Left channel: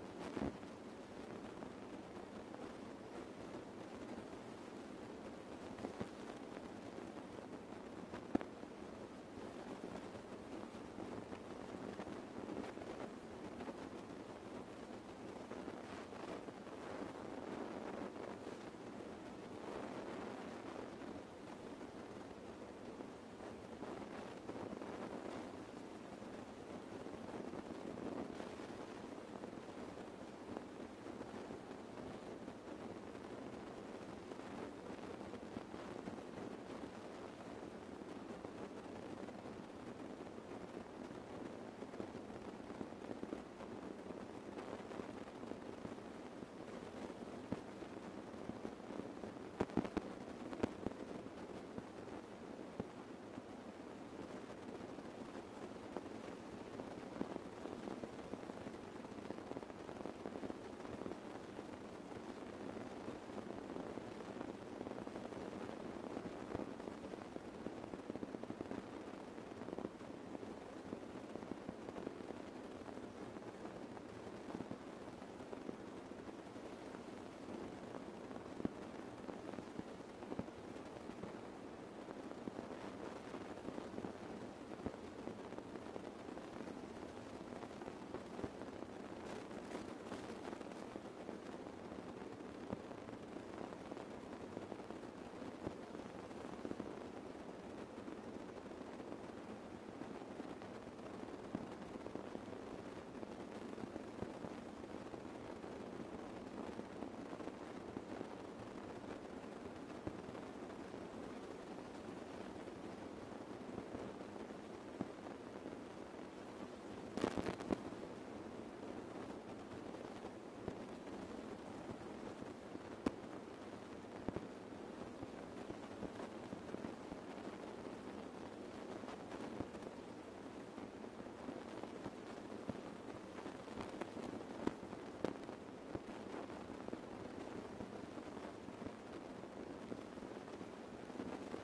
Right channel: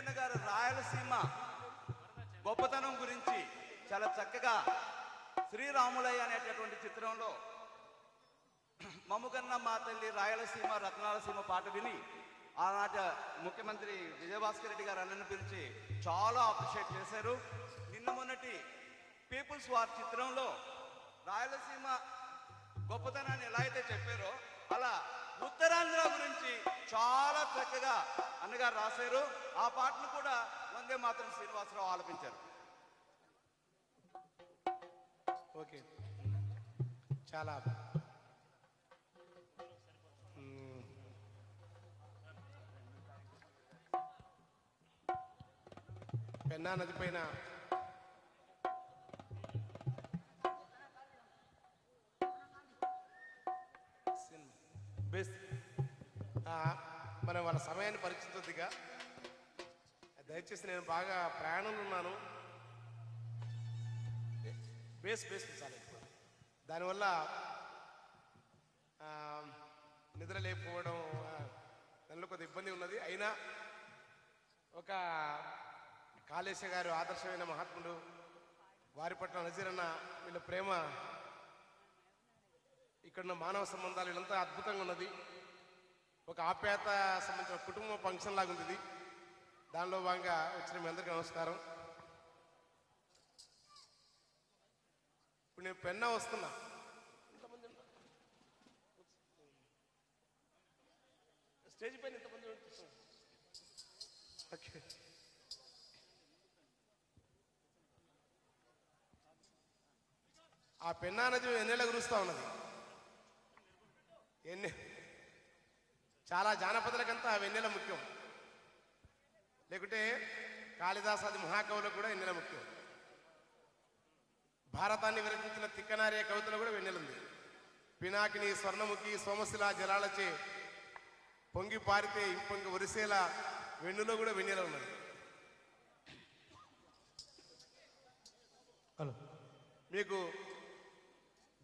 వెంకన్న గారు రాయలసీమ గొప్పతనం గురించి చాలా చక్కగా శ్రీరాములయ్య అనేటటువంటి చిత్రంలో మమ్ముగన్న మా తల్లి రాయలసీమ రత్నాలసీమ పాట విని ఆనాటి ముఖ్యమంత్రి విజయభాస్కర్ రెడ్డి గారు అన్నను గురించి చాలా అప్రిషియేట్ చేశారు. నిన్న మొన్నటి పీపుల్స్ వార్ చిత్రంలో రాయలసీమ గొప్పతనాన్ని ఎలా అయితే చెప్పారో అలా ఉత్తరాంధ్ర గురించి చాలా చక్కగా అన్నగారు రాశారు. ఆ పాటలు కూడా వందే మాతరం శ్రీనివాసరావు ఆలపించారు. చాలా పెన్నా నది పైన మనం వాళ్ళ సమయాన్ని పరిస్థితిగా దయచేసి నేను బాగా ప్రయాణంలో ఉన్నాను. దానివల్ల నిద్ర లేకపోవడం కొద్ది ఇబ్బంది ఉన్నది. అయినా ఒక కాళేశ్వర గారు ఆదర్శమైన మహాత్ముడు, వారి పట్ల నజీరన్న వీళ్ళ ప్రేమ, ఇక్కడ మానవ సంబంధాలు వీళ్ళంతా అద్భుతంగా ఉన్నది. ఒక ఆప్యాయత సంబంధించిన కుటుంబ ఫంక్షన్ లాగా ఉంది ఇది. దానిలో భాగంగా వచ్చిన మీ అందరికీ నమస్కారం. నేను పెన్నా వస్తున్నా. ఆ పెన్నా నది ఎన్నెళ్ళ కురుస్తూ ఉన్నది. చాలా జానపదులకంతా ఆ వెన్నెల ముఖ్యం. లేకుంటే కాళిదాసాది మహాకవులకు కూడా వెన్నెల ముఖ్యం. భారతాన్ని విరచించిన తిక్కనారే కవితలో కూడా వెన్నెలుంది. పినాకిని స్వర్ణముఖి సోమశిల జలాలచే పొంగి పారితే ఇంపొంగి ఒరిసేలా వెన్నులో కూడా వెన్నెల ఉన్నది. మీకు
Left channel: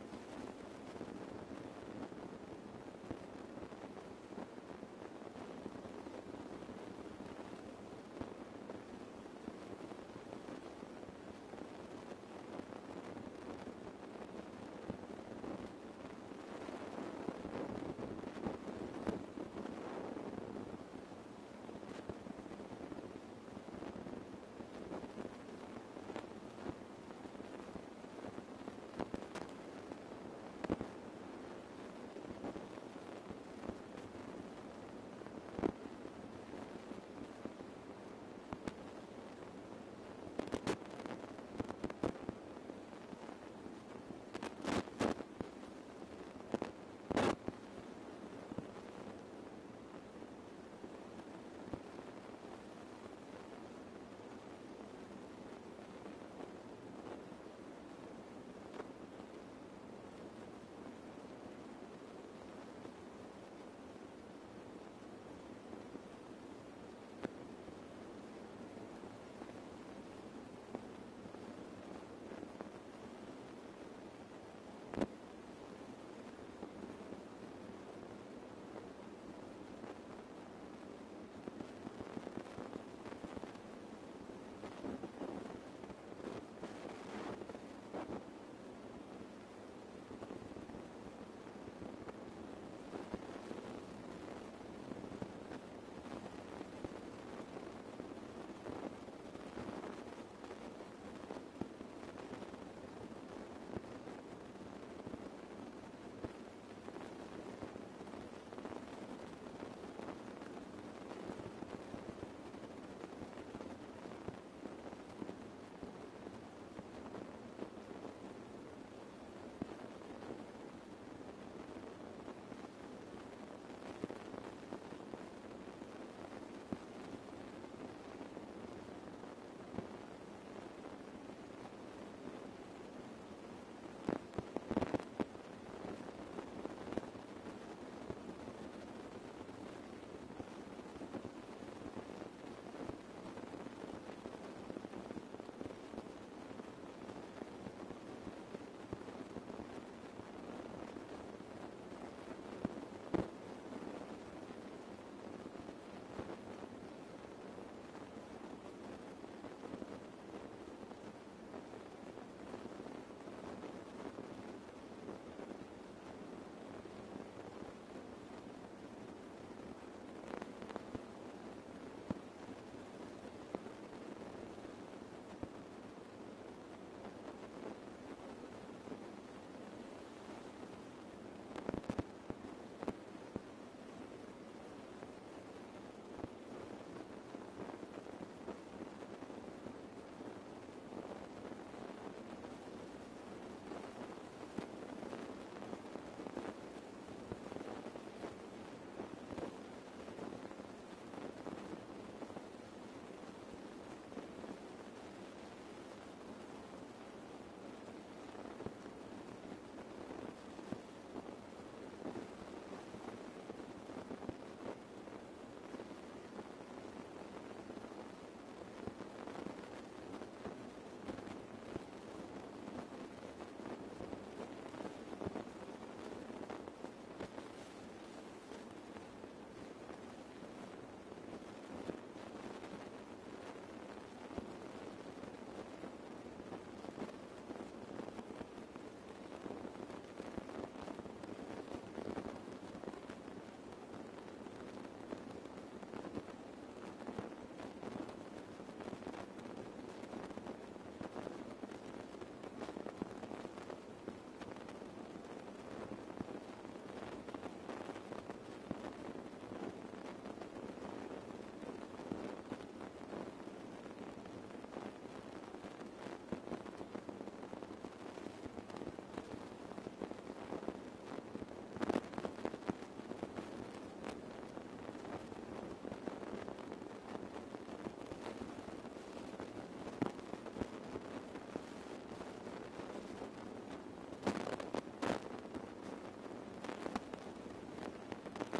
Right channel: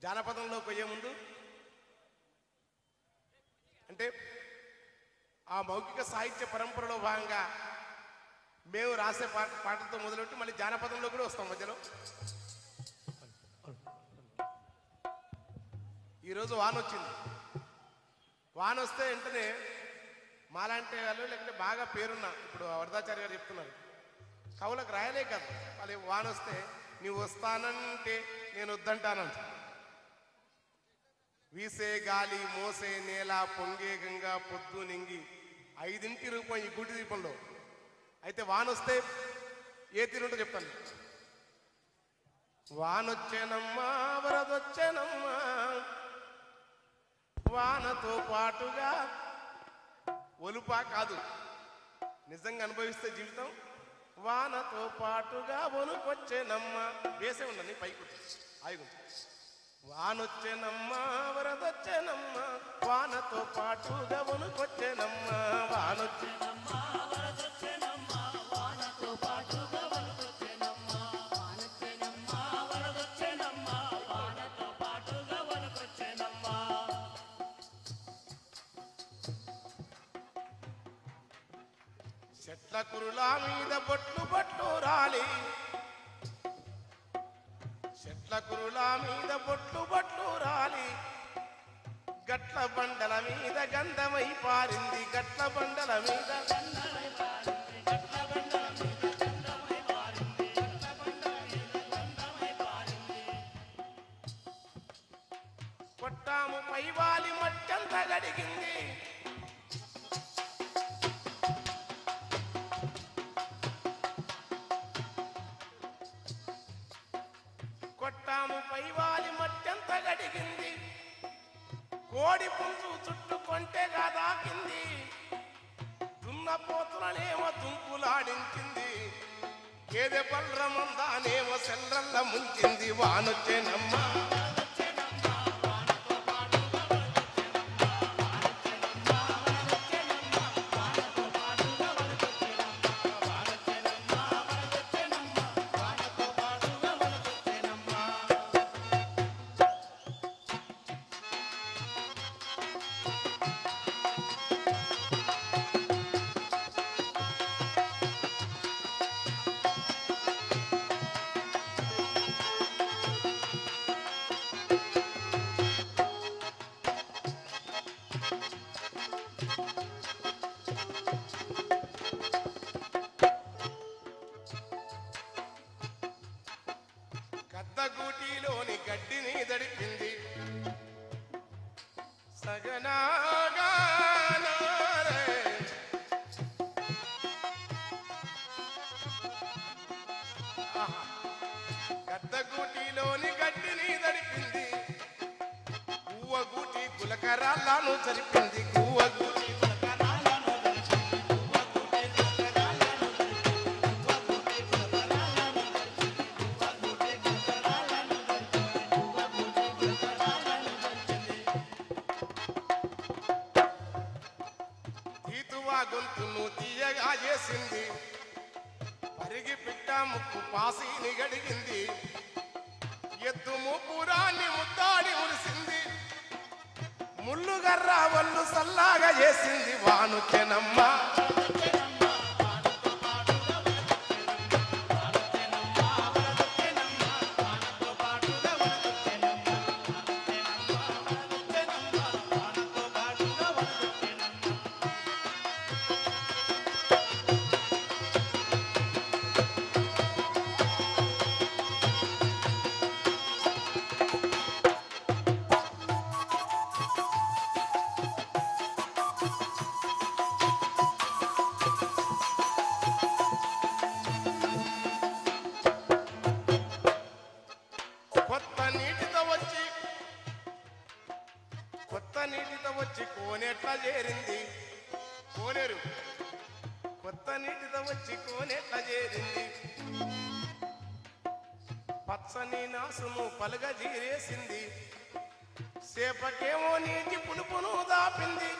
జానపదంలో పోయే ముందు అంటే ఆ మౌఖిక సాహిత్య పరంపరలో భాగంగా మేము రాసే పాటతో మొదలెట్టి మళ్ళీ జానపదంలో కూడా వస్తాం మధ్యలో. ఈరోజు వాన వచ్చింది. వాన వస్తే వెంటనే మాలాంటి వాళ్ళు లేకపోతే బాగా పేరున్న ఇప్పుడు వరదాచార్య గారు చెప్తున్నారు, కవులకు రాయలే కదా వాళ్ళు వాన వస్తే నీవు వస్తానంటే నేను వద్దంటానంట. వీసే గాలి మోసే నేల పొంగే గంగా పొద్దు నింగి 5ంటికి రూపాయి గుడి దీపంలో. అయితే వానొస్తే ఏ తీరుంటో చెప్తాను. వానొచ్చేనమ్మా వరదొచ్చేనమ్మా, వానతో పాటుగా ఒలుపా కాదు నిజంగా అనుభవిస్తే జీవితం. వానతో పాటుగా ఒలుకొచ్చేనమ్మా వేసే ఉన్నది పైకి ఆయుడు. వానొచ్చేనమ్మా వరదొచ్చేనమ్మా, వానతో పాటుగా ఒలుకొచ్చేనమ్మా. వానొచ్చేనమ్మా వరదొచ్చేనమ్మా, వానతో పాటుగా ఒలుకొచ్చేనమ్మా. వానొచ్చేనమ్మా వరదొచ్చేనమ్మా, వానతో పాటుగా ఒలుకొచ్చేనమ్మా. చెట్ల కురుల మీద బొట్టు బొట్టు రాలి, చెట్ల కురుల మీద బొట్లు బొట్లు రాలి, గట్ల బండల మీద గంధమై పారింది. గట్ల బండల మీద గంధమై పారింది, గట్ల బండల మీద గంధమై పారింది, గట్ల బండల మీద గంధమై పారింది. కొట్టాము పైవాలి మట్టంతా గడిగింది, కొట్టాము పైవాలి మట్టంత గడిగింది. కోడి పుంజు చుట్టుకొంటే దాకింది, దున్నపోతులనేమో తుంపులాడించింది, గేదె బల్రమందానేమో సెల్రల్ల ముంచింది. వానొచ్చేనమ్మా సగనాగానారే. ఆహా. గద్దగూటిలోని గడ్డిని దడిపింది, పువ్వగూటి గులకరాళ్ళను చరిపింది, పువ్వగూటి గులకరాళ్ళను దడిపింది, పువ్వగూటి గులకరాళ్ళను దడిపింది, పువ్వగూటి గులకరాళ్ళను దడిపింది, పువ్వగూటి గులకరాళ్ళను దడిపింది, పువ్వగూటి గులకరాళ్ళను దడిపింది. తీతువా గొంతును తీయగా చేసింది, అరిగి బిడ్డ ముక్కు పాసిని గడిగింది, ఎద్దు ముపురాన్ని ముద్దాడి మురిసింది, ముల్లుగర్ర వల్లు సల్లాగా చేసింది వానుకెనమ్మ. కొత్త నీటితో వచ్చి కోనేట్లా చేరింది, కోనేరు కొత్త నీటితో వచ్చి కోనేట్లా చేరింది, పచ్చని నాసును పలుగ జీరేసింది, సేపకేమో నీటి పులుపును దాపింది,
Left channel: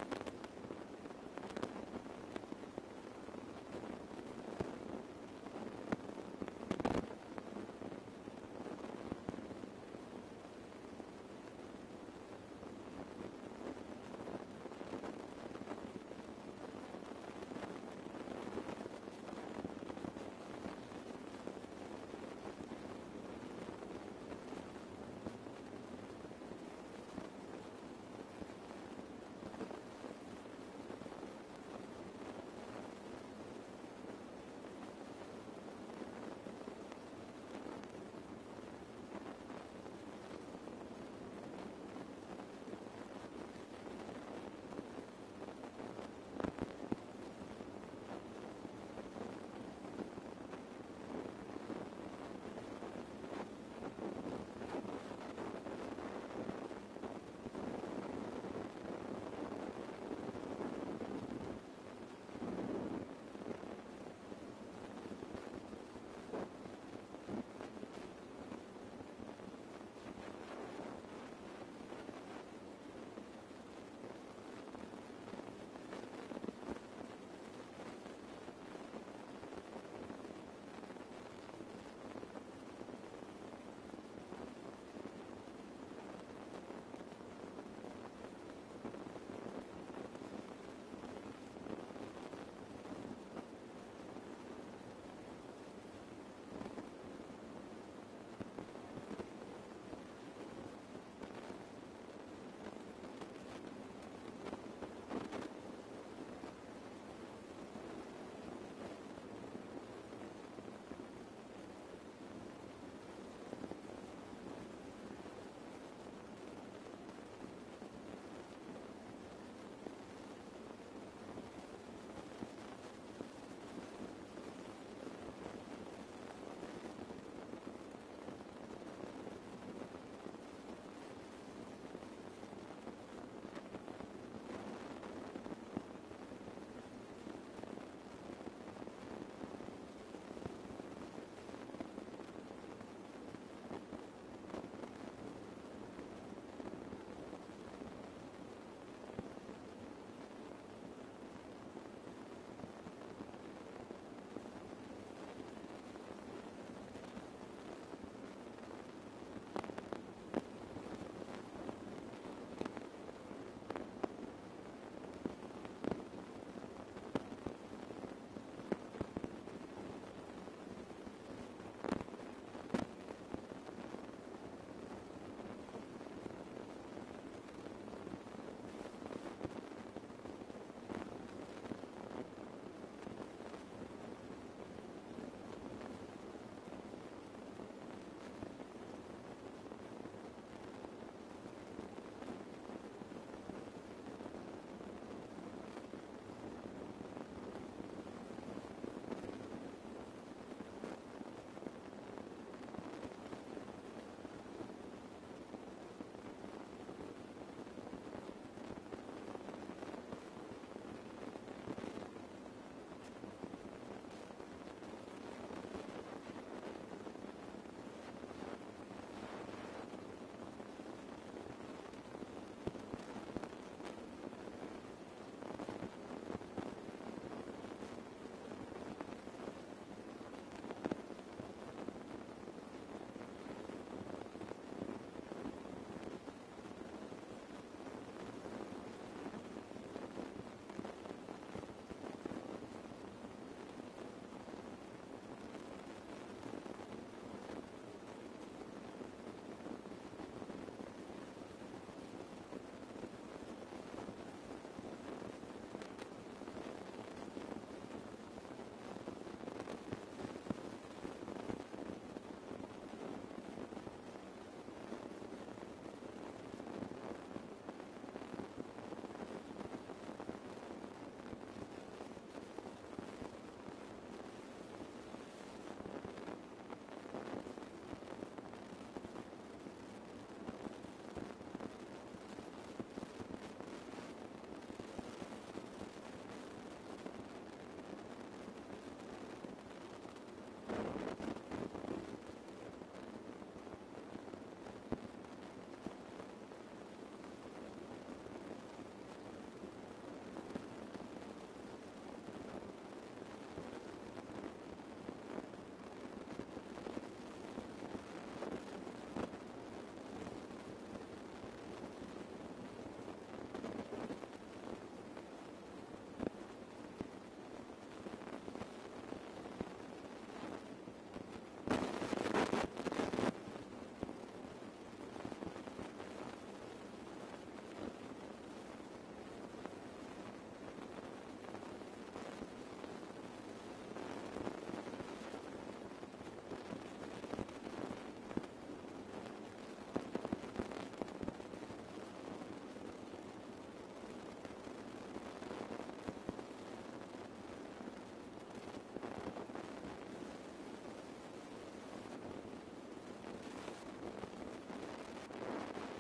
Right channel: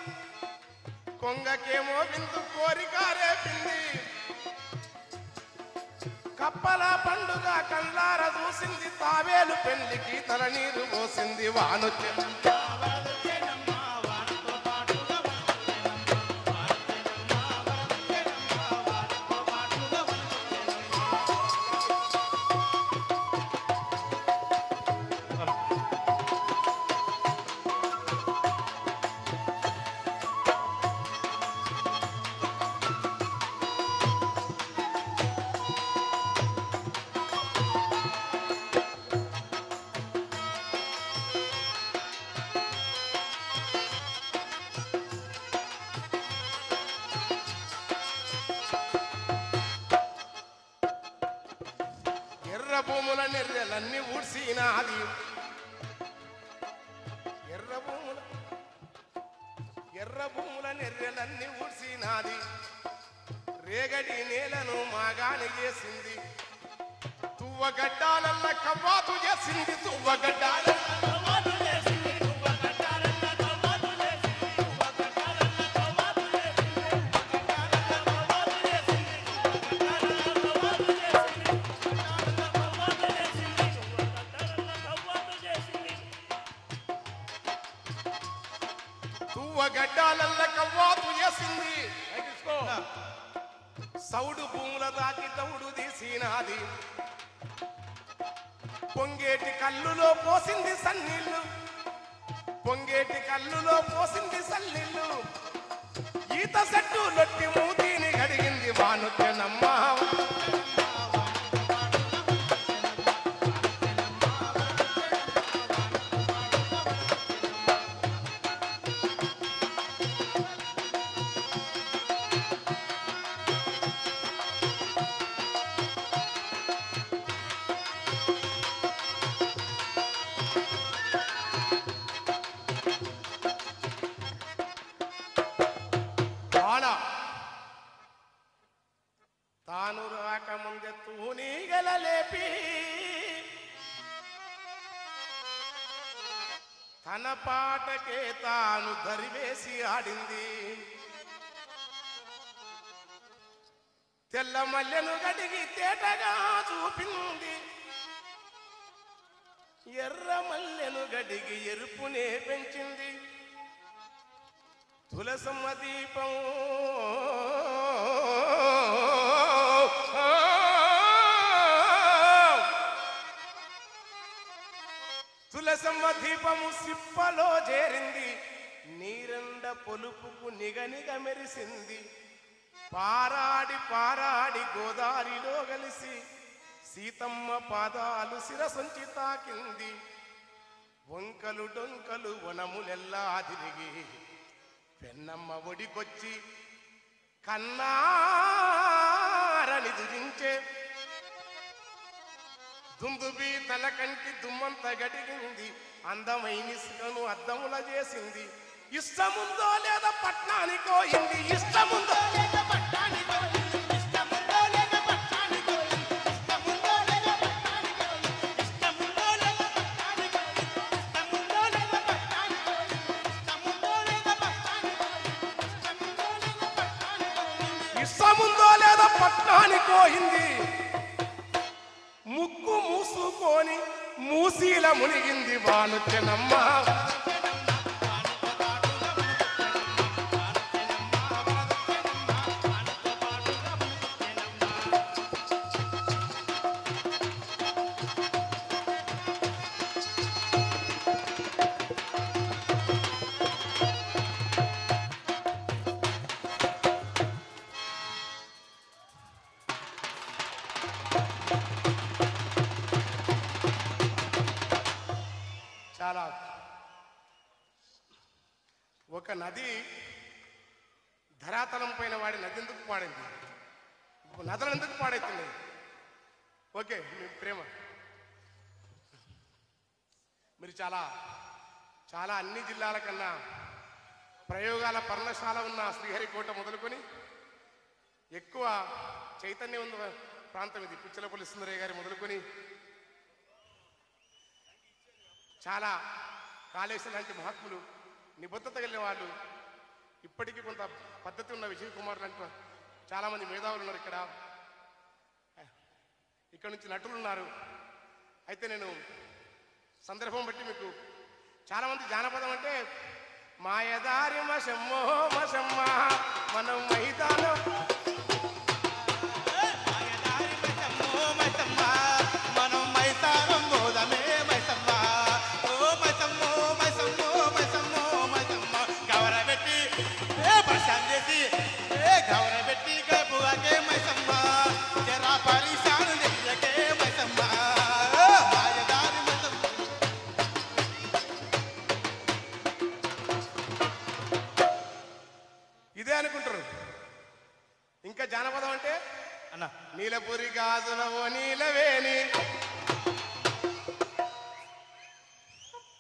కొంగకేమో విందు కోరిక రేపింది, కప్పల పండుగ కండ్లార చూసింది, తావేలు పెళ్లికి తల నీరు పోసింది వానొచ్చే. ఎర్ర భూముల నెర్రెలన్నీ ఊడ్సినాది, ఎర్ర భూముల నెర్రెలన్నీ ఊడ్సినాది, రేగడి నేలను మాగాని చేసింది, తువ్వగడ్డాలల్ల కవ్వాతు చేసింది, తువ్వగడ్డాలల్ల కవ్వాతు చేసింది, తువ్వగడ్డాలల్ల కవ్వాతు చేసింది, తువ్వగడ్డాలల్ల కవ్వాతు చేసింది, తువ్వగడ్డాలల్ల కవ్వాతు చేసింది, తువ్వగడ్డాలల్ల కవ్వాతు చేసింది, తువ్వగడ్డాలల్ల కవ్వాతు చేసింది. సౌడు భూముల దాకి తౌడు తీసినాది, పొంగేటి కల్లులో పోసింది సన్నీళ్ళు, పొంగేటి కల్లులో పోసింది సన్నీళ్ళు, ఈత చెట్టు లొట్టి మూతిని గడిగింది వానుకెనమ్మ. తాను రాకముందే తూనీగల లేపి తన పాటకే తాను దరివేసి ఆడింది, తెల్ల మల్లెను గడిగి తేటగా చూపింది, ఎర్ర మల్లెను గడిగి ఎరుపునే పెంచింది, తులసమ్మ దీపం తులసమ్మ దీపము సిప్పలో చేరింది, నీరండ పొలుపుకు నిగనిగ మెరిసింది, పారాడి పారాడి గోదారిలో కలిసి సీతమ్మ పాదాలు శిరసొంచి తాకింది, వంకలు డొంకలు వనములెల్లా తిరిగి పెన్నమ్మ ఒడికొచ్చి కన్నారని దురించే దుందుబి తల కంటి దుమ్మంత గడిగింది అందమైన ఇసుకను అద్దముల చేసింది ఇష్టముందో లేదా పట్నానికో ఇంది ఇష్టముందో లేదా పట్నానికో ఇష్టముందో లేదా పట్నానికో ఇష్టముందో లేదా పట్నానికో ఇష్టముందో లేదా పట్నానికో ఇష్టముందో లేదా పట్నానికో ఇష్టముందో లేదా పట్నానికో ఇష్టముందో లేదా పట్నానికో ఇంది ముక్కు మూసుకొని మూసీల మునిగింది వానుచెనమ్మ ఒక నది ధరాతలం పైన వాడి నది ఎందుకు పాడైంది నదులు ఎందుకు పాడైతుంది ఓకే ప్రేమ మీరు చాలా చాలా అన్ని జిల్లాల కన్నా ప్రయోగాల పర్ణశాల ఉన్న శ్రీహరికోట మొదలుకొని ఎక్కువ చైతన్యం ఉన్న ప్రాంతం ఇది చిలపల్లి సుందరయ్య గారి మొదలుకొని చాలా కాళేశ్వరం లాంటి మహాత్ములు నిబద్ధత కలిగిన వాళ్ళు ఇప్పటికీ కొంత పద్ధతి ఉన్న విజయ్ కుమార్ లాంటి చాలామంది మేధావులు ఉన్నారు ఇక్కడ నుంచి నటులు ఉన్నారు అయితే నేను సందర్భం బట్టి మీకు చాలామంది జానపదం అంటే మాయదారి మశమ్మో మశమ్మ మనం మైదానం మాయదారి మశమ్మో మశమ్మ మనం మైదానం గోదమే మశమ్మ ఓ మశమ్మో మశమ్మో మశమ్మో మశమ్మ గౌరబెట్టి ప్రశాంతి గౌరబెట్టి గపుగాకే మశమ్మ జరా పరిశాను చెయ్యకే మశమ్మ మాయదారి మశమ్మ ఇదే అనుకుంటారు ఇంకా జానపదం అంటే అన్న నీలపురి గాజులవో నీలవేణి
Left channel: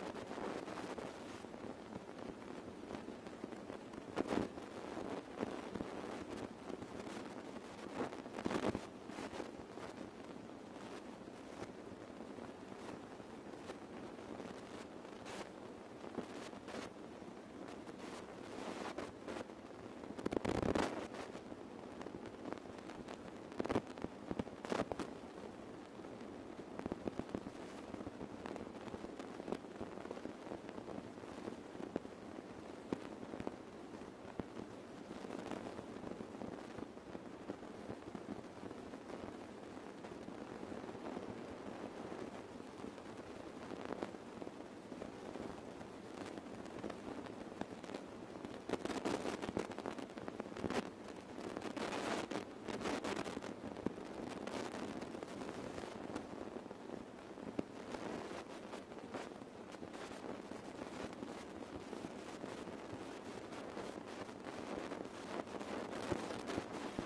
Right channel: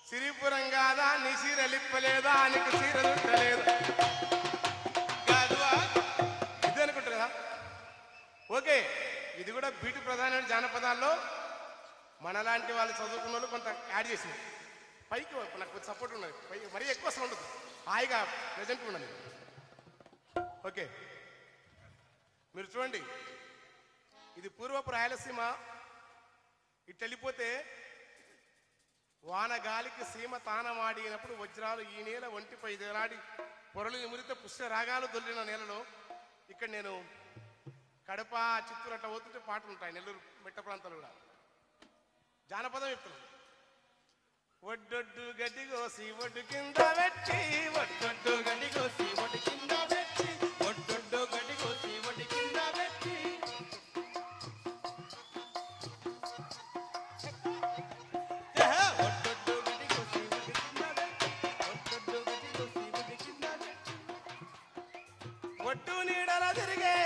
సిరిపురం కాదా నీ సీర లిప్పలేదా నీకు సీర చుట్టలేదు ఇదే అనుకుంటారు కదా ఓకే ఇది కూడా బీటి ప్రధానమైన జానపదాల్లో మనలాంటి వాళ్ళు చదువుకున్న వాళ్ళు కొంత యాడ్ చేసింది పైకి నాకు కొంచెం సపోర్ట్ ఉన్నది పైకి మరీ ఎక్కువ అసలు ఉండదు హాయిగా ప్రజెంట్ ఉన్నది ఓకే మీరు చూడండి ఇది పూర్వపు రాయలసీమ ఇటు వెళ్ళిపోతే వానగాలికి సీమ తానమాడినప్పుడు వజ్రాలు ఈ నేల ఒంటిపై ఎదరాడి పొరలు ఎమురిత పుష్ట రాగాలు దొరికిన నేలలో ఇక్కడ నేను కడప చిత్తూరు అట్లా పోతుంటే పాటలు ఉంటాయి నెల్లూరు పెట్ట ప్రాంతాలు కూడా జానపదం ఎప్పుడు ఒడ్డొడ్డు గడ్డి కోసి ఒడ్డు కింద పెట్టి ఒడ్డొడ్డు గడ్డి కోసి ఒడ్డు కింద పెట్టి ఒడ్డొడ్డు గడ్డి కోసి ఒడ్డు కింద పెట్టి ఒడ్డొడ్డు గడ్డి కోసి ఒడ్డు కింద పెట్టి ఒడ్డొడ్డు గడ్డి కోసి ఒడ్డు కింద పెట్టి ఒడ్డు నీడల తిరిగే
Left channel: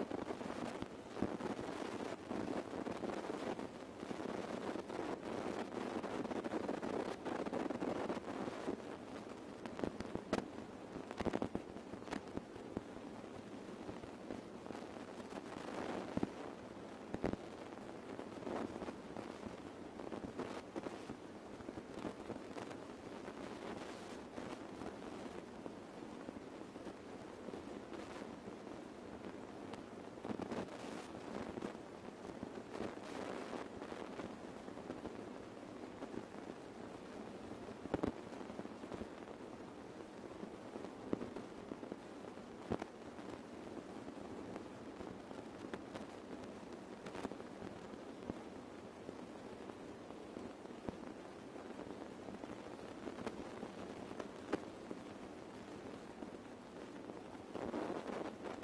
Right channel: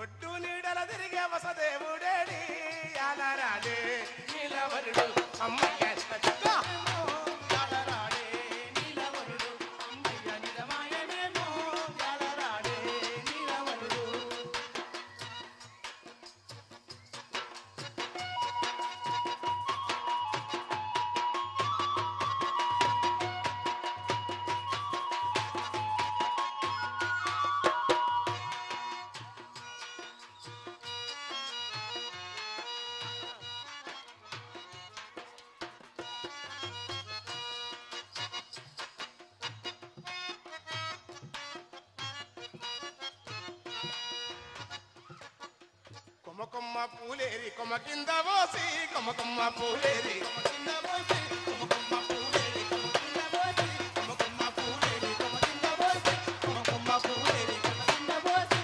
ఒడ్డు నీడల తిరిగే వసదేవుడేడి యాలరాడే నీలవరుడు అమ్మయ్య యాలరాడే నీలవరుడు అమ్మయ్య నిలమాయనేమో యాలరాడే నీలవరుడు కొమ్మ పూలేరి కొమ్మ కింద పోసి కొమ్మ పూలేరి కొమ్మ కింద పోసి కొమ్మ పూలేరి కొమ్మ కింద పోసి కొమ్మ పూలేరి కొమ్మ కింద పోసి కొమ్మ పూలేరి కొమ్మ కింద పోసి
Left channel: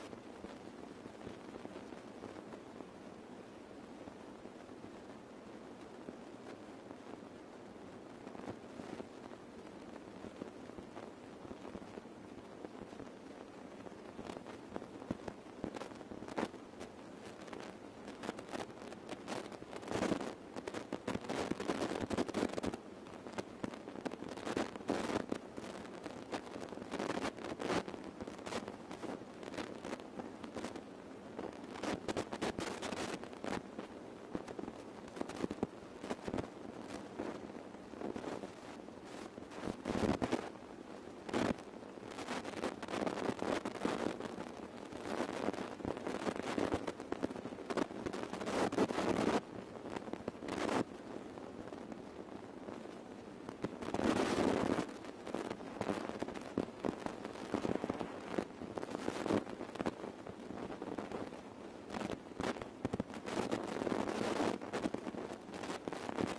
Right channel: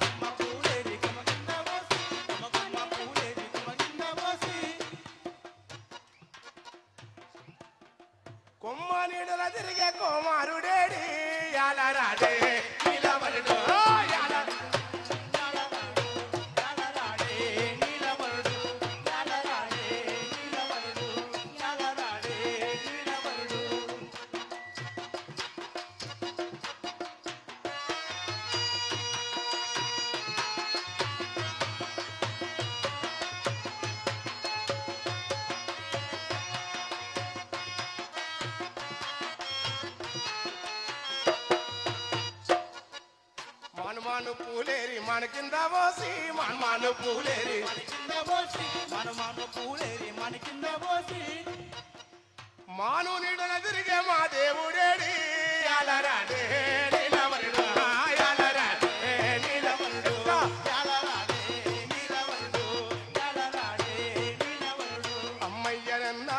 కొమ్మ పూలేరి నీడల తిరిగే కుమారుడేడి యాలరాడే నీలవరుడు మన కింద పోసి మనమాను పూలేరి మాను నీడన తిరిగే మా దేవుడేడి యాలరాడే నీలవరుడు యాలరాడే నీలవరుడు అమ్మయ్యనన్న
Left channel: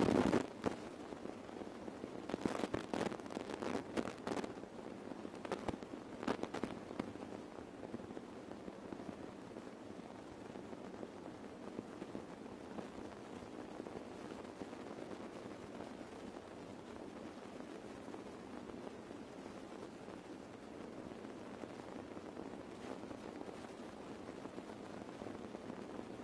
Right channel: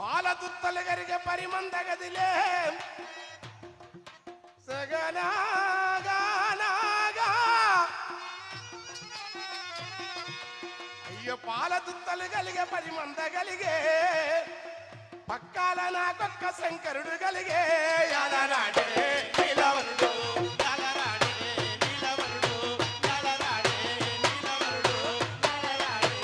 పాల దుత్తలు గరిగే పరిమంద గదిలే సగనాగా పాల దుత్తలు కలిగే పరిమంద కలిగే పక్కాల నాకొక్క శంకరుడు కలిగే యాలరాడే నీలవరుడు యాలరాడే నీలవరుడు యాలరాడే నీలవరుడు యాలరాడే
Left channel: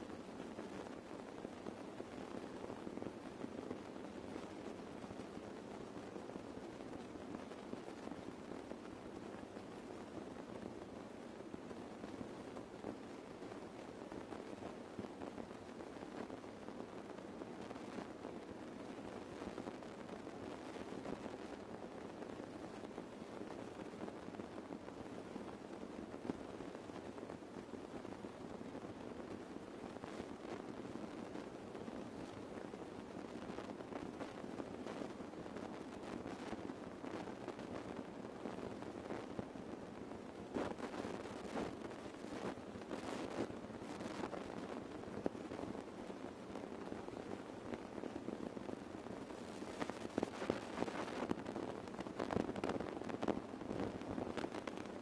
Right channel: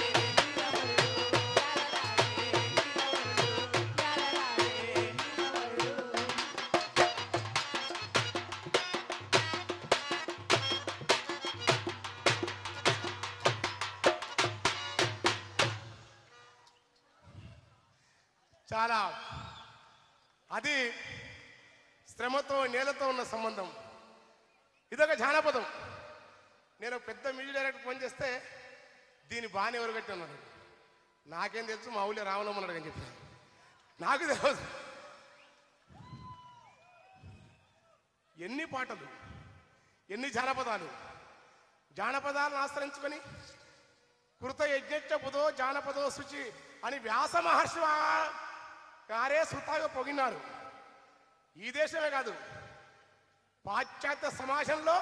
చాలా అది శ్రమతో నేలతో ఉన్న సంబంధం. ఇదొక జానపదం. నేను పెద్ద మీడియా డైరెక్టర్ ఫోన్ చేస్తే దీన్ని బాగానే ఎవరు కట్టి ఉన్నారు, నాకేం తెలుసు మా ఊళ్ళో రావణమ్మన్నాడు అని చెప్పి నాకు తెలియదు. ఎన్ని పాటలు, ఎన్ని జానపదాలను ఆశ్రయించుకొని కృత యజ్ఞ బుధో జానపదో శుచి అని వ్యాస మహర్షి గారే సుతాగా పొగినారు. ఈ దేశమే కాదు, పాశ్చాత్య సమాజంలో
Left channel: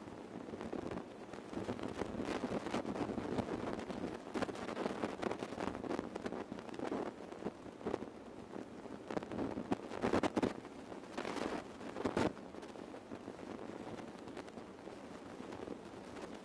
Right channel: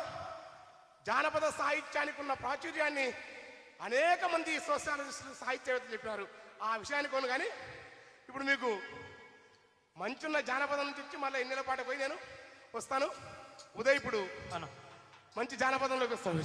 జానపద సాహిత్యానికి ఉన్న ప్రాచుర్యాన్ని అనేక మంది సాహిత్యవేత్తలు చెప్పినారు. ఆ విషయాన్ని కొను కానీ ఇప్పుడు మీకు మంచున్న జానపదం నుంచి వచ్చి మళ్ళీ ఎన్నెల పాట పోయి నేను వస్తాను. ఉదయ్ ఇప్పుడు మంచి జానపదంలోకి వస్తాను.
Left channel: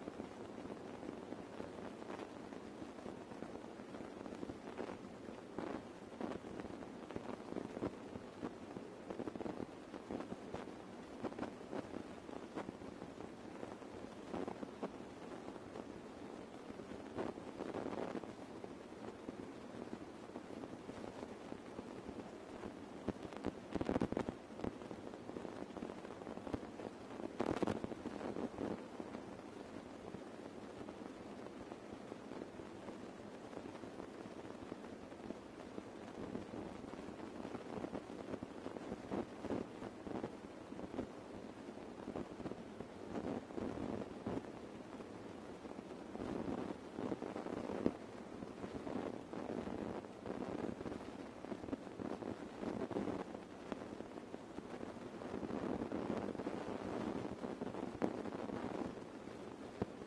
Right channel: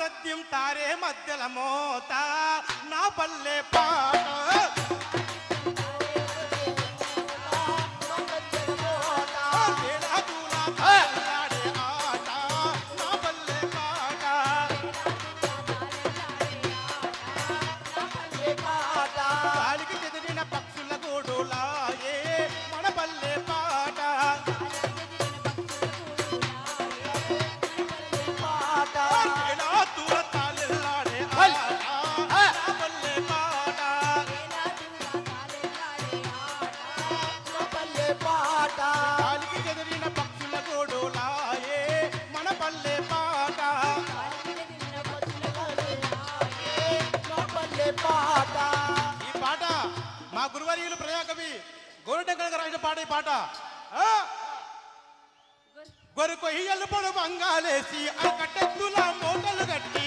సత్యం తారే మధ్యల మోత నా పల్లె పాట తేడా గురువర్యులు ప్రజాకవి గోరంటెంకర్ గారు రాసిన పాట ఈ పాట. కొరకు ఇయ్యలు పొడు బంగాలేసి ఆ కట్టెత్తుల మూటలు కట్టి